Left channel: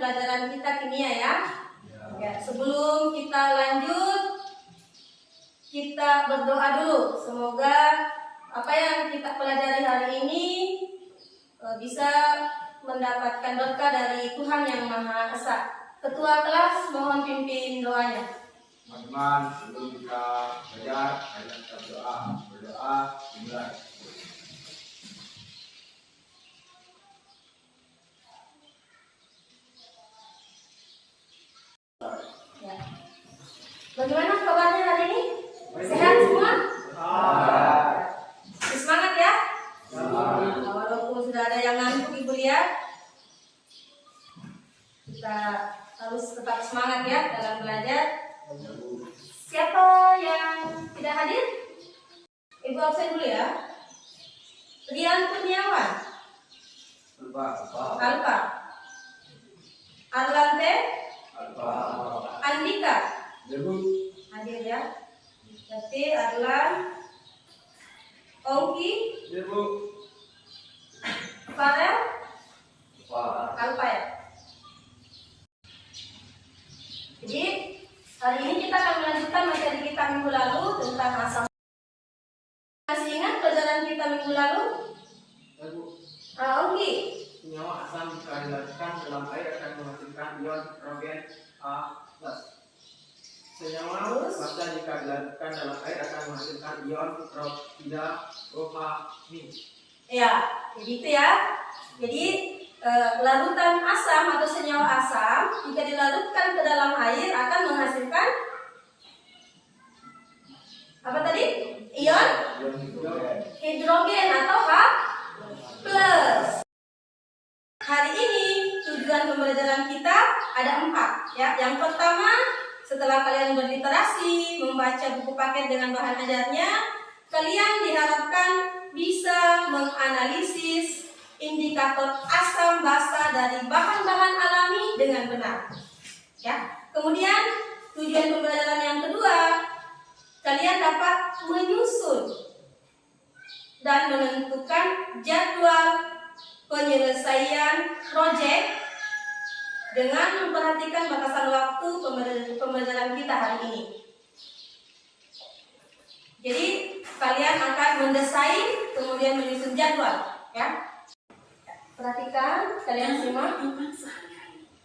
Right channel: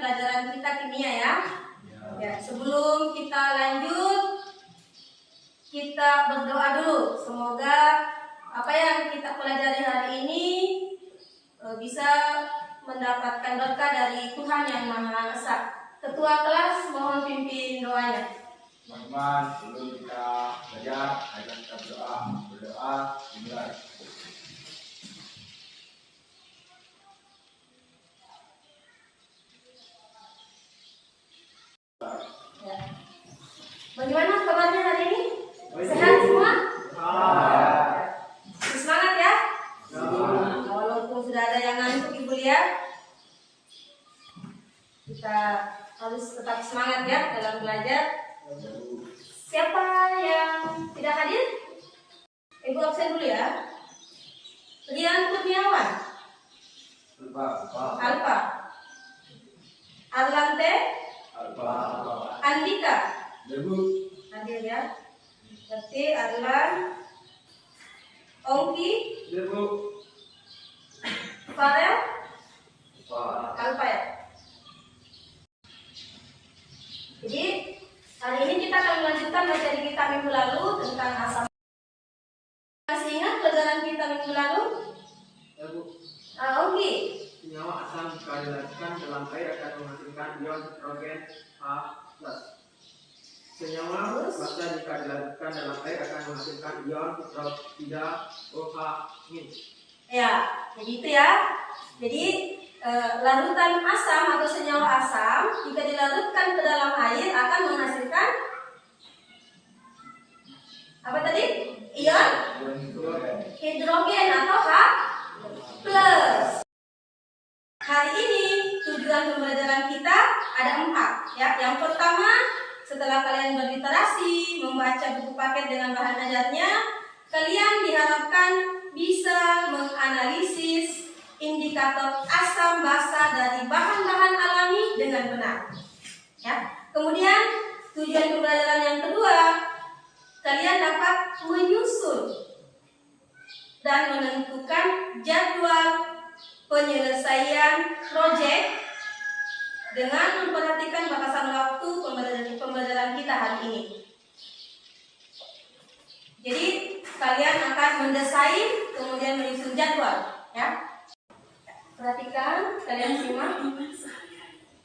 pelajaran kita kimia ya. Ya, sebelum kita lanjut, kita berdoa dulu. Semoga apa yang kita pelajari hari ini bisa mendapatkan berkah dari Tuhan yang Maha Esa. Ketua kelas mohon pimpin doanya. Teman-teman, sebelum kita belajar, ayo kita berdoa. Berdoa dimulai. Ya. Bagaimana kabarnya hari ini? Sehat semua? Semangat ya? Walaupun sudah ada yang ngantuk Ibu lihat, kita harus tetap semangat ya dalam belajar. Siapa yang tidak hadir? Ibu absen dulu ya. Rian Kurniawan, Alfa, Arlante, Andika, hadir ya. Berarti Arlan, Ongki, Farel, Alfa ya. Jadi hari ini kita akan melanjutkan materi kita minggu lalu tentang asam. Masih ingat pelajaran kita minggu lalu? Ongki. Senyawa asam jika dilarutkan dalam air akan menghasilkan ion hidrogen H+. Senyawa basa jika dilarutkan dalam air akan menghasilkan ion hidroksida OH-. Ya, jadi itu ya. Jadi larutan asam atau senyawa asam jika dilarutkan ke dalam air akan menghasilkan apa tadi? Ion hidrogen atau H+. Hari ini tujuan pembelajaran kita ada 4 ya. Yang pertama, setelah kalian berliterasi, membaca buku paket dengan bahan ajarnya, kalian diharapkan bisa menganalisis indikator asam basa dari bahan-bahan alami dengan benar. Ya. Kemudian tujuan pembelajaran yang kedua, kalian dapat menyusun dan menentukan jadwal penyelesaian proyek dengan memperhatikan batasan waktu pembelajaran kita hari ini. Jadi kalian akan mendesain kemudian menyusun jadwal, ya. Perhatikan, kalian simak.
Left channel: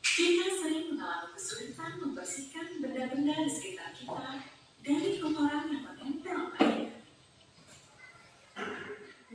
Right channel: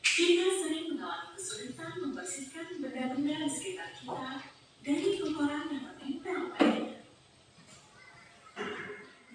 Kita sering mengalami kesulitan membersihkan benda-benda di sekitar kita dari kotoran yang menempel padanya.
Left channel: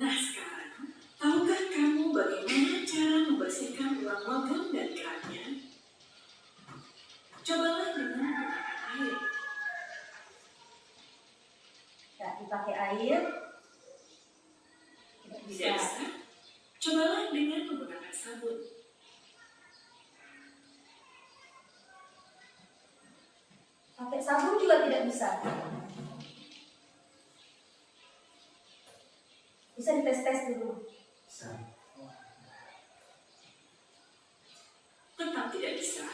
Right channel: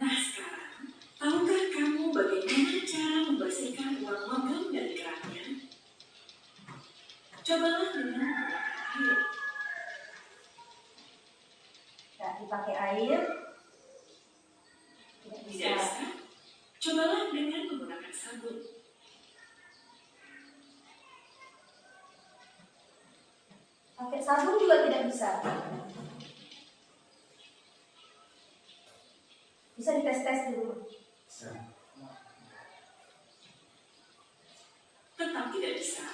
Nah sekarang, tahukah kamu bagaimana cara membersihkan uang logam dan keramnya? Cobalah dengan menggunakan air. Ya, dipakai air. Tidak Tidak bisa? Cobalah dengan menggunakan sabun. Pakai sabun juga tidak bisa. Bisa dites-tes dulu. Tetap tidak bisa.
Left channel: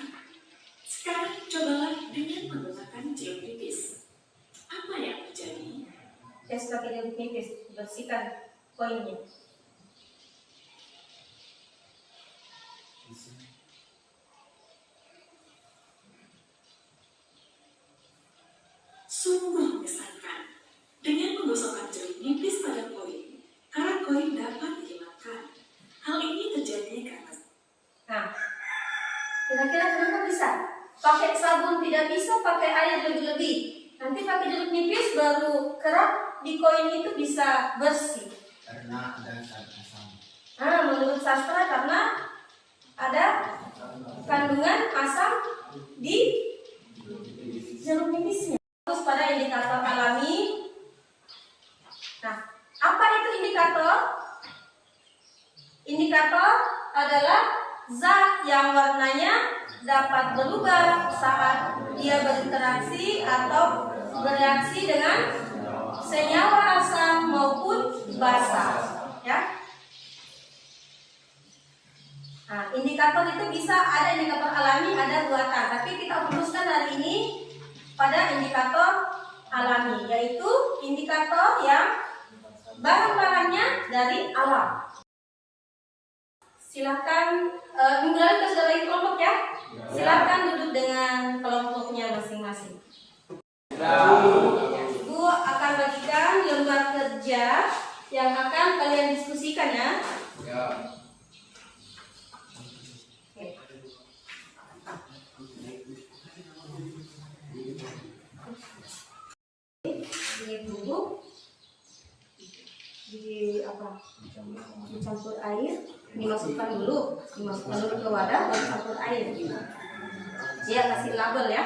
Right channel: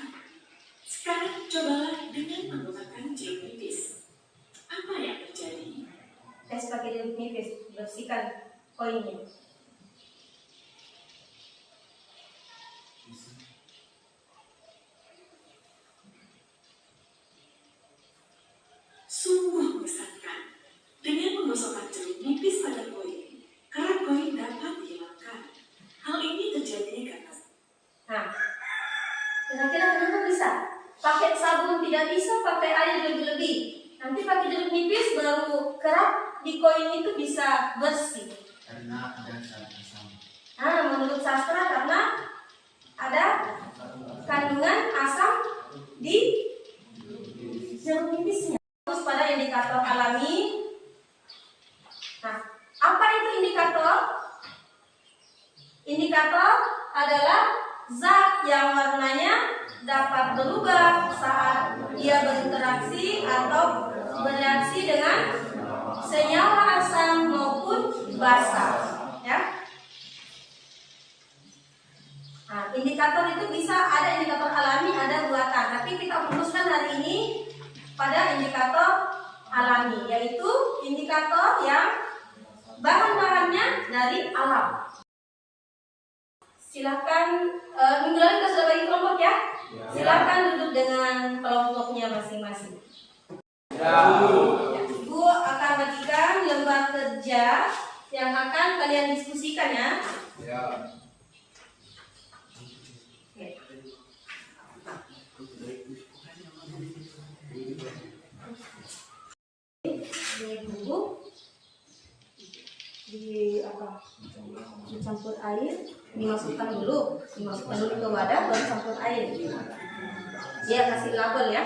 Sekarang cobalah dengan menggunakan jeruk nipis. Apa yang terjadi? Tes pakai jeruk nipis, bersihkan koinnya. Sungguh mengesankan. Dengan menggosokkan jeruk nipis pada koin, kerak koin dapat dihilangkan. Hal ini terjadi karena... Nah, kira-kira kenapa bisa? Pakai sabun tidak bisa, pakai air lebih-lebih. Nanti pakai jeruk nipis baru kerak di koin itu bisa bersih. Karena ada asam. Menurut sastra karena ada kandungan asam di jeruk nipisnya. Terus pada indikator alami. Nah, apa itu indikator? Indikator adalah zat yang warnanya dapat berubah saat ia berinteraksi atau bereaksi dengan senyawa asam maupun basa. Ya. Nah, indikator itu bisa ada indikator alami, ada buatan. Tapi kita fokuskan hari ini pada indikator alami, yaitu indikator yang bahan-bahannya dari alam. Silakan minggu lalu kita sudah bagi kelompok ya. Silakan duduk dengan kelompoknya masing-masing. Ya, Ibu akan bagikan lembar kerja yang akan kalian diskusikan ya. Ya. Oke. Di bubuk, dicampur air, dimasukkan dulu ke wadah, baru campur air. Dia kasih label ya.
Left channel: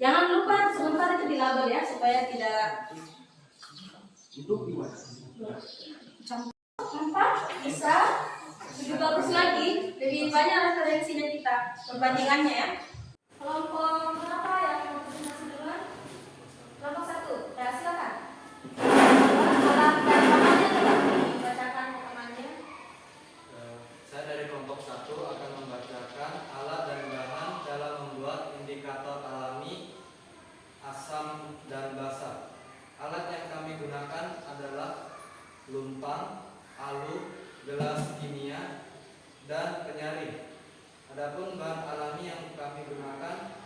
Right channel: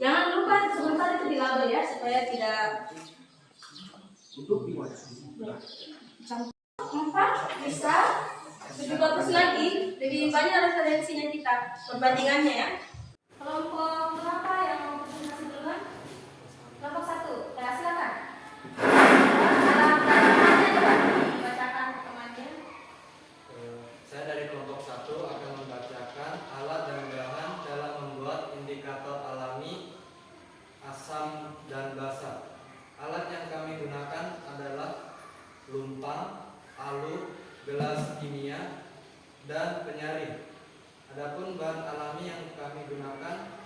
Jangan lupa sebentar itu dilabel ya supaya tidak campur. 4 bisa lebih bagus lagi, lebih banyak referensinya kita, perbandingannya ya. Kelompok berapa yang presentasi duluan? Kelompok 1, ya silakan. Bacakan ke temannya. Saya dari kelompok 1 akan membacakan alat dan bahan dalam membuat indikator alami asam dan basa. Alat yang kami gunakan adalah lumpang, alu, gelas kimia, dan penyaring. Adapun bahan alami yang kami gunakan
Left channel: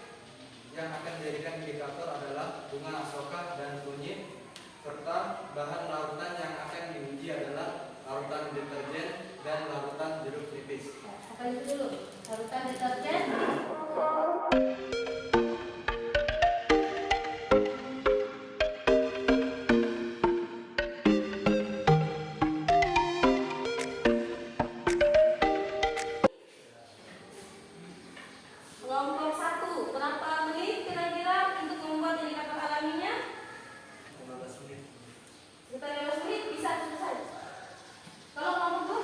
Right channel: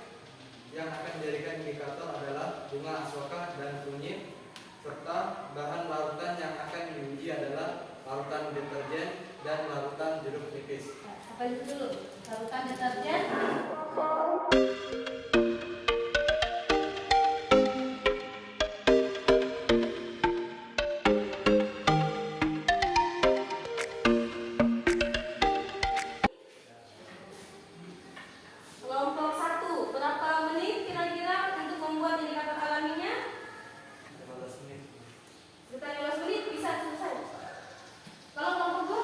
yang akan menjadikan indikator adalah bunga asoka dan kunyit, serta bahan larutan yang akan diuji adalah larutan deterjen dan larutan jeruk nipis. Apa itu dulu? Larutan deterjen. Kelompok 1, berapa menit kira-kira untuk membuat indikator alaminya? 15 menit. Sekitar 15 menit bisa selesai. Kalau kelompok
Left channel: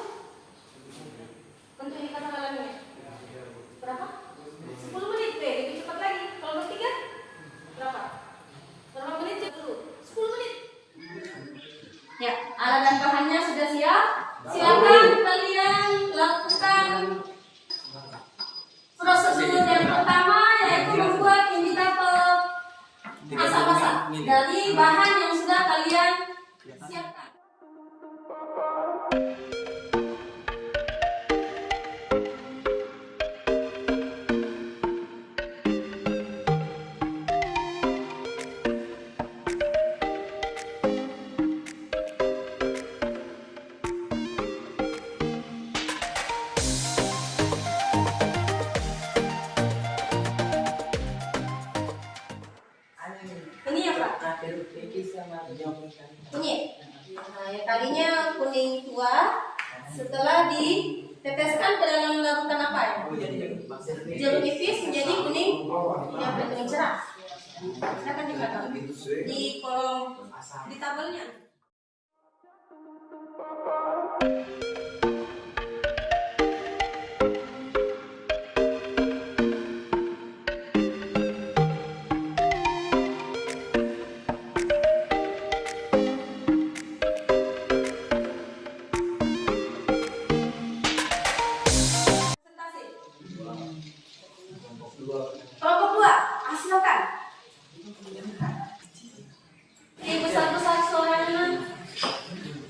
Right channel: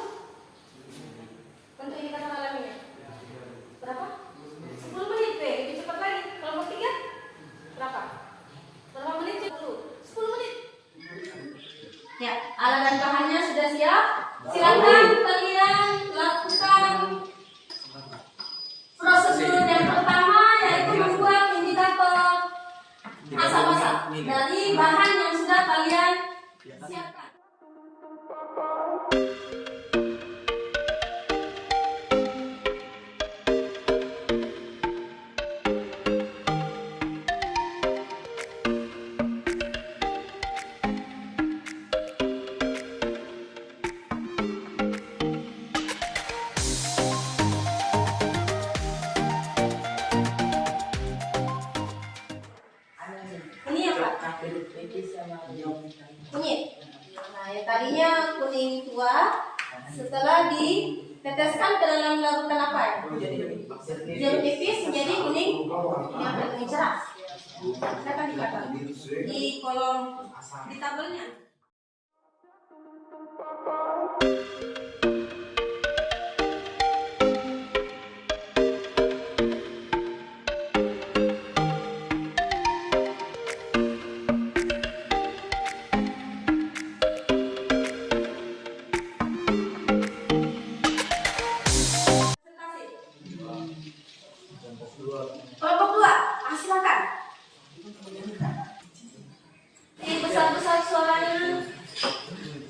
2 untuk indikator alaminya berapa? 10 menit deh, lebih cepat lagi. Kelompok 3 berapa? Berapa menit dulu? 10 menit. Ya, alat dan bahannya sudah siap. Silakan kalian lakukan prosedur yang pertama, yaitu membuat indikator asam basa dari bahan yang sudah kalian siapkan. Ini apa? Kunyit. Nah, yang tadinya kuning tua, setelah diteteskan ke dalam larutan apa ya? Jeruk nipis menjadi kuning, yang kuning cerah. Silakan dicatat di kolom di tabelnya. Kelompok 2, silakan. Besar-besar suaranya.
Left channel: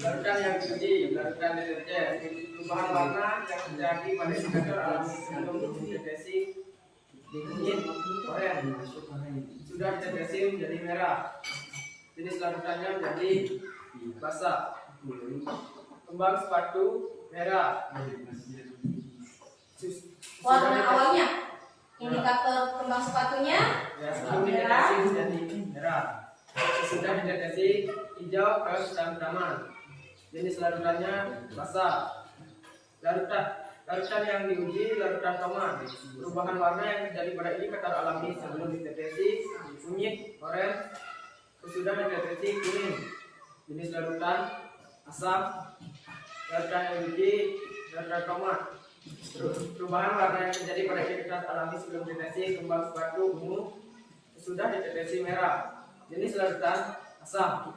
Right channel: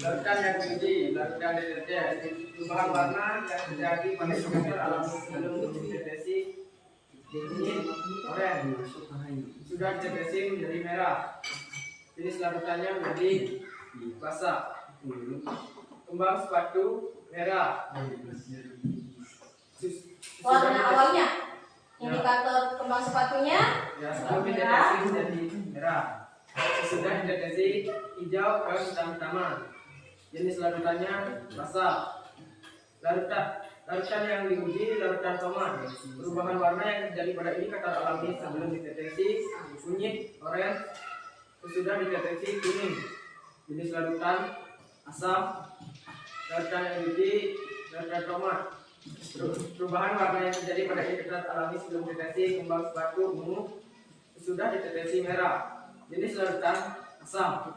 Larutan yang diuji, larutan deterjen, perubahan warna yang terjadi pada indikator alami sebelum dideteksi kunyit, oranye, sudah dideteksi menjadi merah. Jenis larutannya menjadi basah. Kembang sepatu merah. Warna awalnya, indikator kembang sepatunya Ya, sebelum dideteksi menjadi merah. Sesudah dideteksi hijau ke hitam-hitaman. Jenis larutannya basah. Larutan yang diuji larutan tomat. Perubahan warna yang terjadi pada indikator alami sebelum dideteksi kunyit, oranye. Sesudah dideteksi kuning. Jenis larutan asam. Larutan yang diuji larutan tomat. Perubahan warna yang terjadi pada indikator alami sebelum deteksi kembang sepatu ungu. Sesudah dideteksi merah. Jenis larutan asam.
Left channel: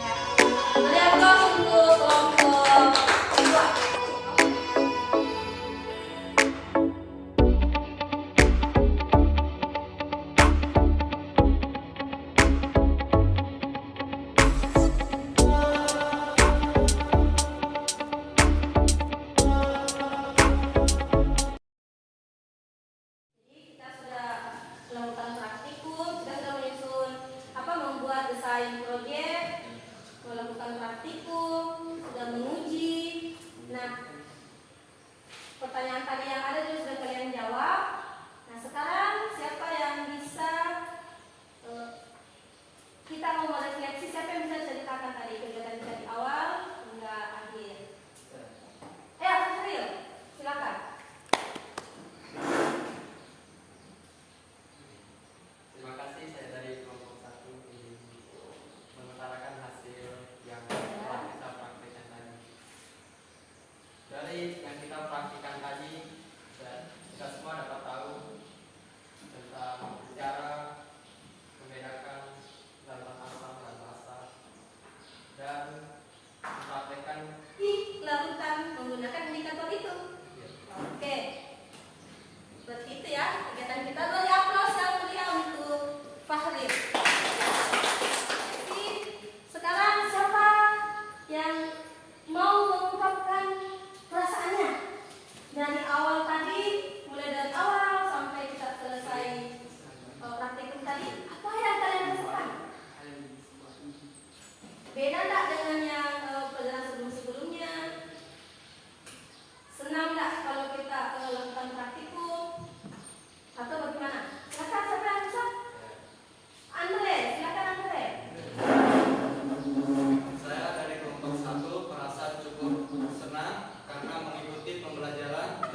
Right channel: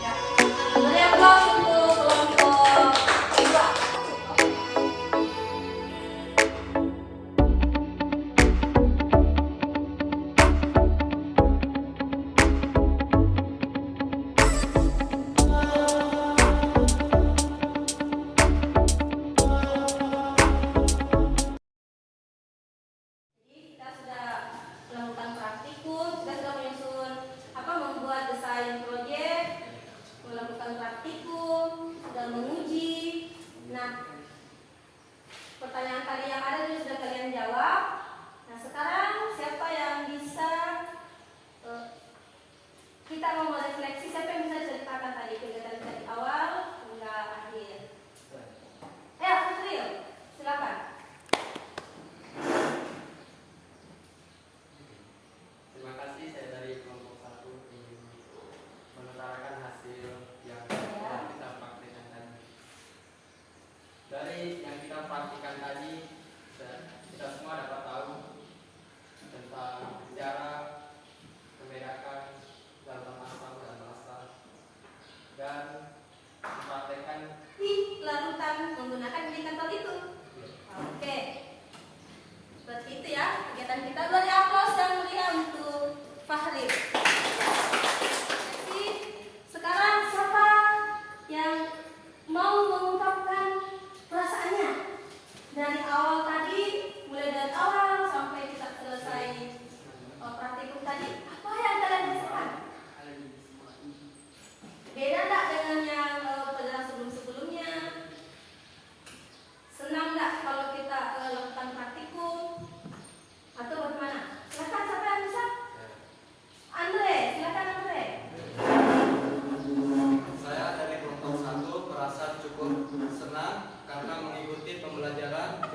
ya. Kemudian untuk kelompok 2.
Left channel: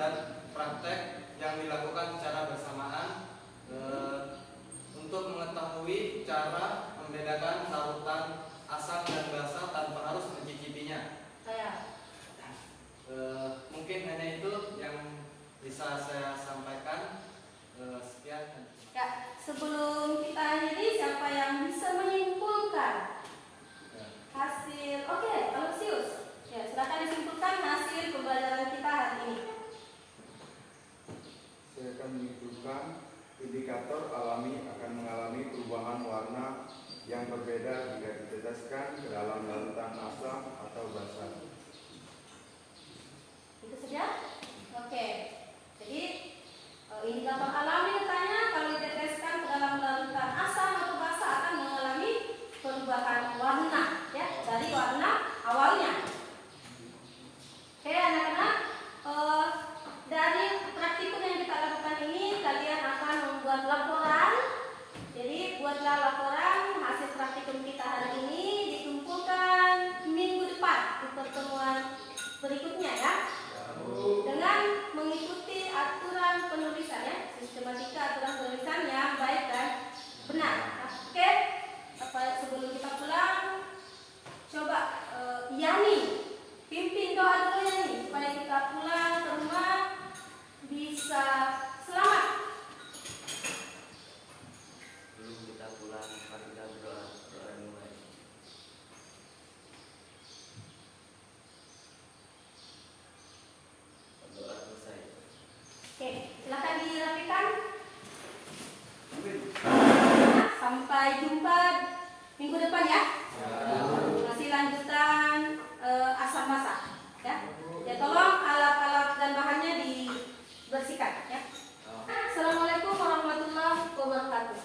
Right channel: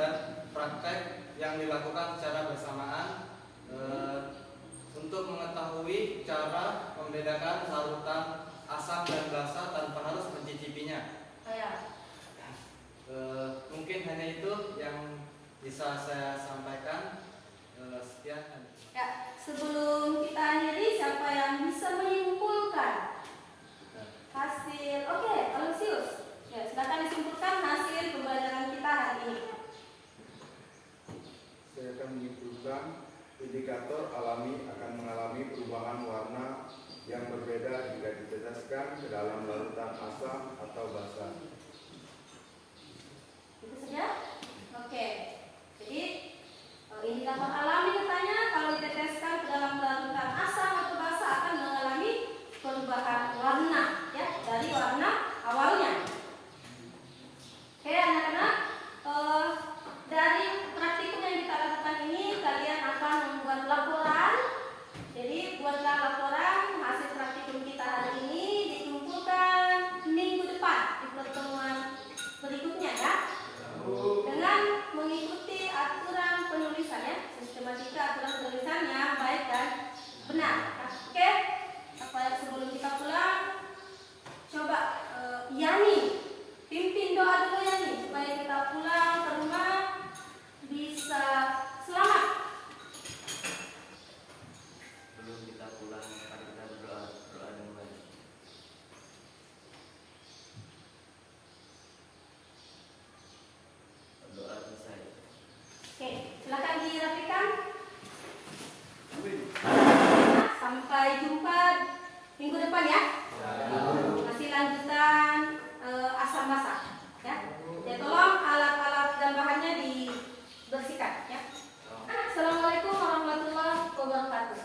dan praktek yang dilakukan secara bersamaan untuk mengetahui cara membedakan larutan asam dan basa tanpa harus mencicipinya. Mungkin hanya itu yang bisa saya sampaikan. Sekian. Ya, sebelum kita akhiri, siapa yang bisa menyimpulkan hasil? Oke, Alusius. Ya, silakan disimpulkan hasil pembelajaran kita hari ini. Saya akan menyimpulkan indikator alami akan mengalami perubahan warna yang berbeda jika diteteskan ke dalam larutan asam atau basa. Itu saja? Oke. Jadi indikator alami katanya kalau diteteskan ke dalam larutan asam atau basa akan mengalami perubahan warna, ya, dari warna awalnya. Oke, anak-anak, dari praktikum yang kita lakukan ini kalian akan membuat laporan. Jadi buatlah laporan hasil praktikum kita hari ini, dikumpulkan minggu depan di pertemuan berikutnya, ya, dengan mengikuti aturan penulisan, ya, sistematika aturan penulisan yang baik dan benar. Oke, sebelum kita pulang, coba Yani pimpin doa dulu, Yani, supaya kita pulang ke rumah bisa selamat. Sebelum kita pulang, mari kita berdoa dimulai. Berdoa selesai. Oke, silakan dirapikan. Sampai jumpa minggu depan, ya. Masih lanjutan asam basa, ya. Ya, tolong alat-alat dan bahannya dibersihkan, ya. Assalamualaikum warahmatullahi wabarakatuh.